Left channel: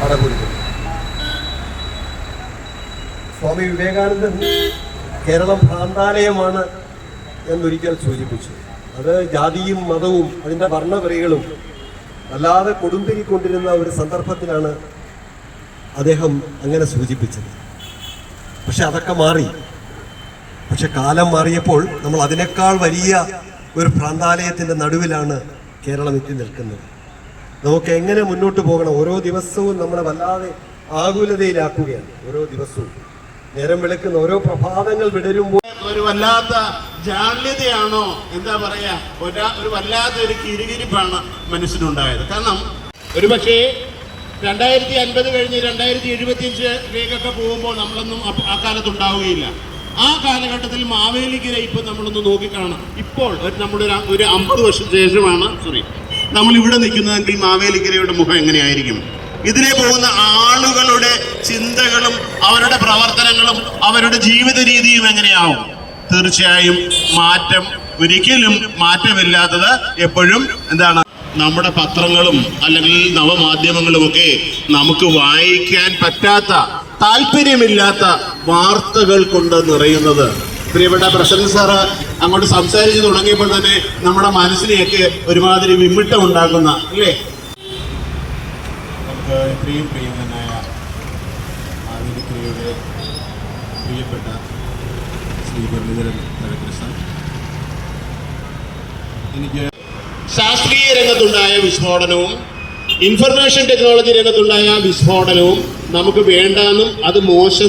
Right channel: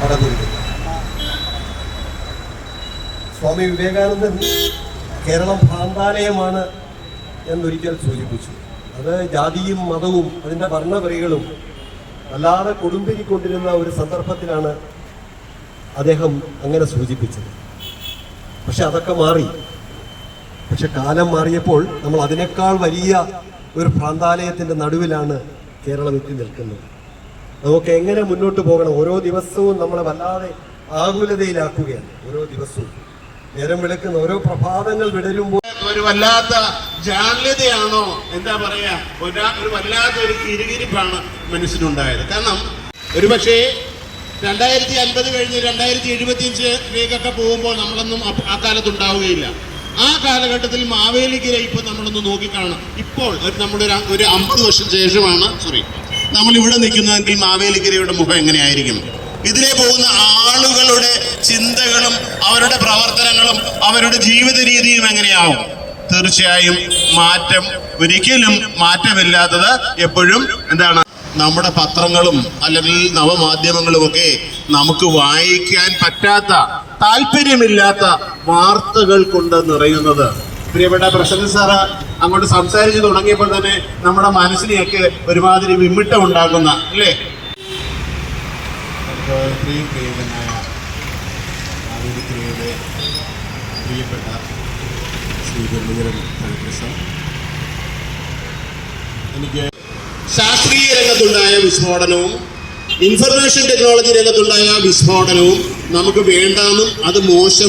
പടകൊരുക്കുന്നത്. സ്വാമി വിവേകാനന്ദൻ കേരളം ഭ്രാന്താലയമാണ് എന്നൊരിക്കൽ സൂചിപ്പിച്ചു. അത് ജാതിയും മതവും അതിൻ്റെ വർണ്ണവരികളും അല്ലാതെ കൊടുമ്പിരിക്കൊണ്ടിരുന്ന ഒരു സന്ദർഭത്തിലാണ് അദ്ദേഹം അങ്ങനെ സൂചിപ്പിച്ചത്. പക്ഷെ അതൊക്കെ മാറി. പക്ഷെ കാലം മാറിയപ്പോൾ നമ്മൾ അതിനേക്കാൾ വലിയ ഒരു ഭ്രാന്താലയത്തിൻ്റെ നടുവിലാണ് കേരളം എത്തി നിൽക്കുന്നത്. നമുക്ക് എങ്ങനെ മുന്നോട്ട് പോകണം? ഓരോ ദിവസവും നമ്മളെ വല്ലാതെ ആകുലതയിലാക്കുകയാണ്. ഓരോ ദിവസവും നേരം വിളിക്കുന്ന ഓരോ പ്രഭാതങ്ങൾ വിടരുമ്പോൾ ഒരു വല്ലാത്ത ജാള്യതയാണോ എന്താ പറയാ, ഒരു വല്ലാത്ത ഒരു കിരികിരിപ്പാണ് മനസ്സിനുണ്ടായത്. കാരണം ഒരുപക്ഷേ 2050 കഴിഞ്ഞ് 2075 പോകുമ്പോൾ നമ്മളൊന്നും ആ കാലത്തുണ്ടാവുകയില്ല. ആ കാലഘട്ടത്തിൽ മാവേലിക്കര ഇപ്പൊ നമ്മളൊന്ന് നോക്കിക്കാണണം. ഇപ്പോൾ നമ്മളൊരു 50 വർഷം ശേഷമാണ് നമ്മൾ ഇവിടെ നിൽക്കുന്നതെങ്കിൽ മാവേലിക്കരയുടെ മുഖം എങ്ങനെയായിരിക്കും? ഇതിലെ പോകുന്ന ആളുകളുടെ ചിന്തകളും അവരുടെ പ്രവർത്തനങ്ങളും അവരുടെ ജീവിത രീതിയും എങ്ങനെയാവും? തീർച്ചയായും മാറ്റം, ഒരിക്കലും മാറ്റമില്ലാത്തത് എപ്പോഴും എന്താണ്? നമ്മുടെ പത്രങ്ങളും അല്ലെങ്കിൽ നവമാധ്യമങ്ങളും ഒക്കെ നമുക്ക് വായിക്കാൻ പറ്റാത്ത, താല്പര്യമില്ലാത്ത വാർത്തകൾ കൊണ്ട് നിറയുന്നത്. പ്രിയപ്പെട്ട പ്രസിഡന്റ് സാറ് അങ്ങോട്ട് സംസാരിച്ചു തുടങ്ങിയപ്പോൾ തന്നെ നമ്മുടെ മനസ്സിനെയൊക്കെ ഒരുമാതിരി വിമ്മിട്ടം ഉണ്ടാക്കുന്ന അല്ലേ? പ്രിയങ്കരനായ മാവേലിക്കരയിലെ പ്രിയപ്പെട്ട ശ്രീ മുരളീധരൻ സാർ, എനിക്ക് ശാസ്ത്രീയ രംഗത്തുണ്ടായ വിസ്ഫോടനവും ഇൻഫർമേഷൻ ടെക്നോളജി രംഗത്തുണ്ടായ വിസ്ഫോടനവും നമുക്ക് വേണ്ടാന്നും അത് മോശം